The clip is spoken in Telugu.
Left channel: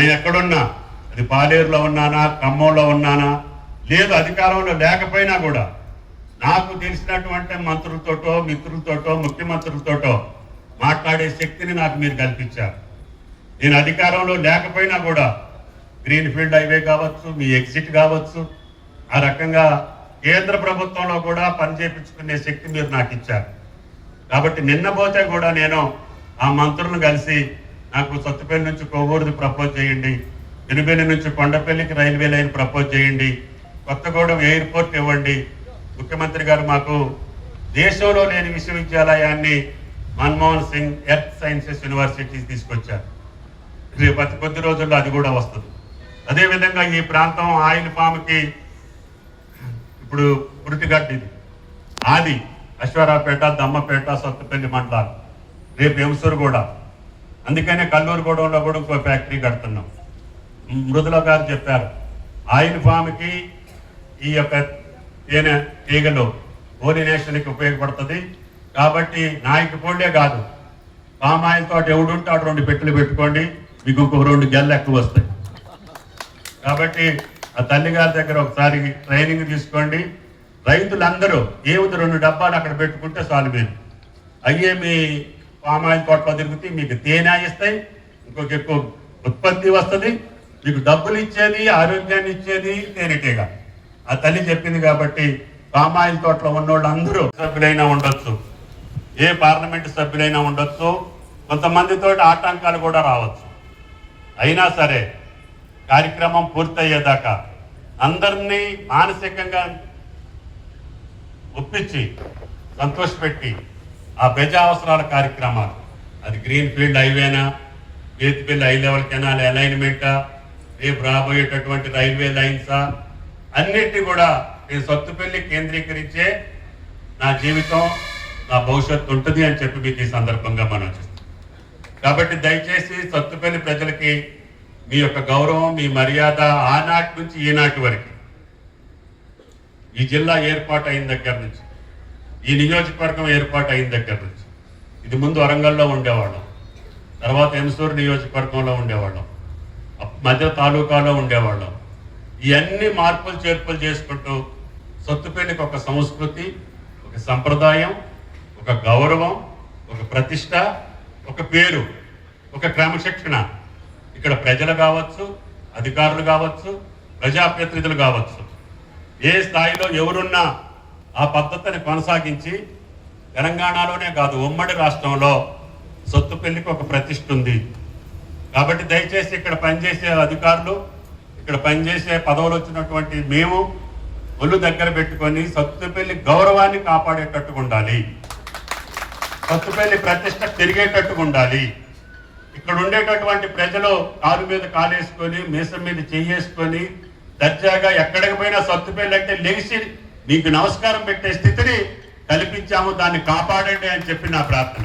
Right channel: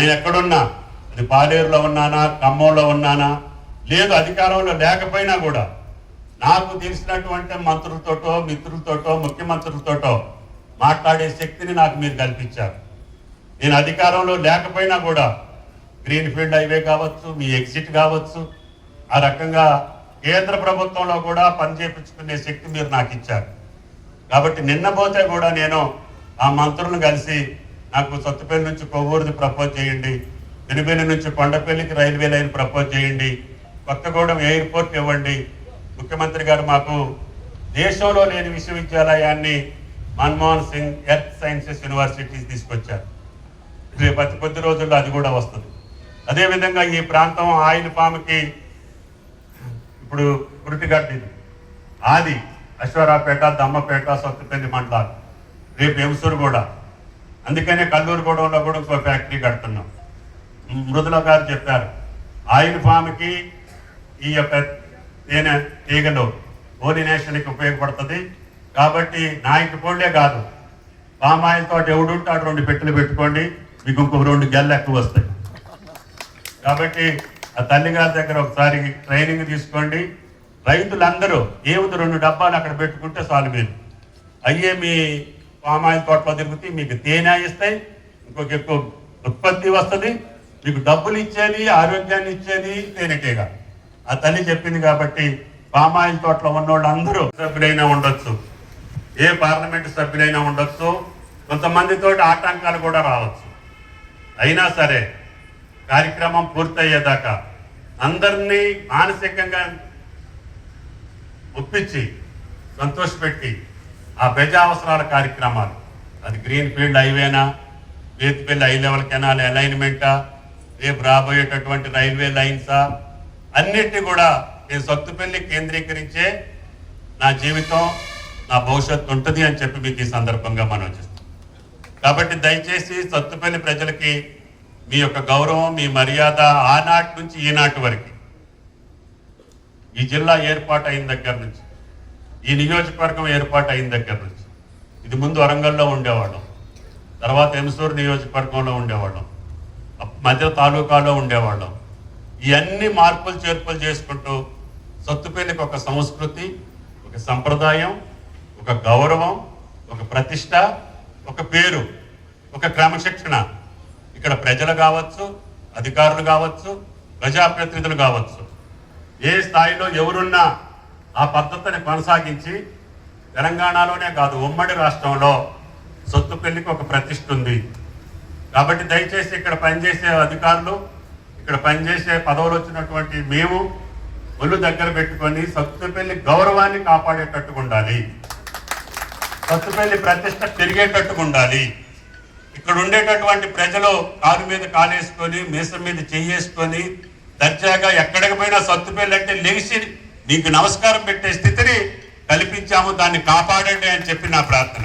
నేను ఎక్కడున్నా? అది పాలేరులో ఉన్నానా? ఖమ్మంలో ఉన్నానా? లేదు అధికారంలో లేకపోయినా కూడా. నాకు తెలిసినటువంటి మంత్రులతోటో మిత్రులతోటో ముఖ్యమంత్రులతోటో మాట్లాడే శక్తిని నాకు మీరు కల్పించారు. నేను అధికారంలో లేకపోయినా కూడా గ్రీన్ ఫీల్డ్ హైవే కావచ్చు మీ ఎగ్జిట్ కావచ్చు ఆ రకంగా కేంద్ర ప్రభుత్వంలో కూడా పనిచేపించుకునే శక్తి మీరు నాకు ఇచ్చారు. కాబట్టి నిన్న పోతే కూడా నేను ఆ మంత్రులను కలిసి నాకు సత్తుపల్లి నుంచి కొవ్వూరుది ప్రపోజ్ చేయండి. పెనుబెల్లి నుంచి కొండపల్లికి రైల్వే లైన్ ప్రపోజ్ చేయండి. కొత్తగూడెం ఎయిర్పోర్ట్ ఇవ్వండి. ముఖ్యమంత్రి గారు మాకు దేశంలో లేని విశ్వవిద్యాలయాన్ని Manmohan Singh earth sciences universities తీసుకొచ్చారు. రేపు అతి కొద్ది రోజుల్లో అది కూడా వస్తుంది. అదేవిధంగా ఈ ప్రాంతం ఆయిల్ పాముకి ఇప్పుడు పురిటిగడ్డి ఆది అశ్వరాపేట దమ్మపేట సొత్తపల్లి మండలాలు. రేపు ఎంసూరు కూడా. అందుకనే కల్లూరు గూడెంలో కూడా ఇంకో ఫ్యాక్టరీ కడుతున్నాం. మృదుల గారు చెప్పారు ఆయిల్ ఫామ్కి ఈ యొక్క తేనె తీగలు ఓరినేషన్కి ఉపయోగపడుతుంది. కాబట్టి నాయకు పోండే కాదు పామ్ ఆయిల్ తోటి ఎవడుంటాడు రెండు పెట్టెలు పెట్టుకోండి మీకు ఇంకో రెండు గెల్ల ఎక్కువ వస్తాయి. కాబట్టి ఆ తల్లిగారి దగ్గర ఒకసారి ట్రైనింగ్ తీసుకోండి. రైతులందరూ ఏమిటి రెండు డబ్బాలు అక్కడ పెట్టుకుంటే సాల్వ్ అయ్యే మీ పామాయిల్ తోటలో తిరుగుతాయి మీకు తేనె ఇస్తాయి ఇంకొక ఎక్కువ ఉత్పత్తి వస్తుంది మీకు డబ్బులు ఇచ్చేది ఆరోగ్యాన్ని ఇచ్చేది తేనెటీగ. ఆ తల్లి చెప్పింది కాబట్టి పామాయిల్ తోటలో ఉన్నోళ్ళు అందరూ సభ్యులైనా ఉండొచ్చు. ఏ పార్లమెంట్ సభ్యులైనా ఉండొచ్చు. కొంతమందితో ఆటంకాలు కూడా రావచ్చు. అయినా సరే కార్యక్రమం పూర్తయ్యేదాకా అందరినీ మానసికంగా ఒప్పించి సంతోషపెట్టి ఆ ప్రజా అవసరాల కార్యక్రమాలు. అది గ్రీన్ ఫీల్డ్ హైవేనా బేతిపల్లి హై లెవెల్ కెనాల్ అలైన్మెంటా రేపు రాబోయేటటువంటి రైల్వే లైన్సా అన్నిటినీ కూడా నేను సొత్తుపల్లి కేంద్రీకరించే నా జీవితం నా భవిష్యత్తు ఉంటుంది అని చెప్పి మీకు ఈ సందర్భంగా మనం చేస్తాం కాబట్టి దయచేసి సొత్తుపల్లి ప్రజలకి మీ యొక్క గౌరవం మీ మర్యాద ఆనాటి నుంచి ఈనాటి వరకు. ఈ జిల్లా ఏర్పాటు అయిన దగ్గర నుంచి ఈ నియోజకవర్గం ఏర్పాటు అయిన దగ్గర నుంచి. ఇది ముందు వరంగల్లో ఉండేవాళ్ళం. తర్వాత ఎంసూరు నియోజకవర్గంలో ఉండేవాళ్ళం. మధ్య తాలూకాలో ఉండేవాళ్ళం. ఇవన్నీ మార్పులు చేర్పులు చేసుకుంటూ సొత్తుపేలికి ఒక సంస్కృతి ఒక సంప్రదాయం ఒక గౌరవం ఒక ప్రతిష్ట ఒక పేరు ఒక క్రమశిక్షణ. ఇక్కడ ప్రజలు కావచ్చు అధికారులు కావచ్చు ప్రజాప్రతినిధులు కావచ్చు. ఏ స్థాయిలో ఎవరున్నా ఆ పద్ధతిని కొనసాగించి తెలంగాణలోనే కాదు ఉమ్మడి రాష్ట్రంలో సొత్తు పెళ్ళికి ఒక ప్రతిష్ఠ ఉంది. కాబట్టి దయచేసి ఇక్కడ పనిచేసే అధికారులు ఇక్కడ పనిచేసే పదవులు వచ్చినటువంటి మేము ఒళ్ళు దగ్గర పెట్టుకొని సత్తుపల్లి గౌరవాన్ని కాపాడేటట్టుగా ఉండాలి. సత్తుపల్లి ప్రతిష్ట పెరిగేటట్టుగా ఉండాలి. ఇక్కడ ఉండేటటువంటి ప్రజలు కారు మీద కాలేసుకొని మీసం మీద చేయేసుకొని దర్జాగా ఎక్కడికి పోయినా సత్తుపల్లి అంటే లెగిసి నీకు నమస్కారం పెట్టే స్థితిని కల్పించాము దాన్ని కాపాడండి అని చెప్పి నా ప్రార్థన.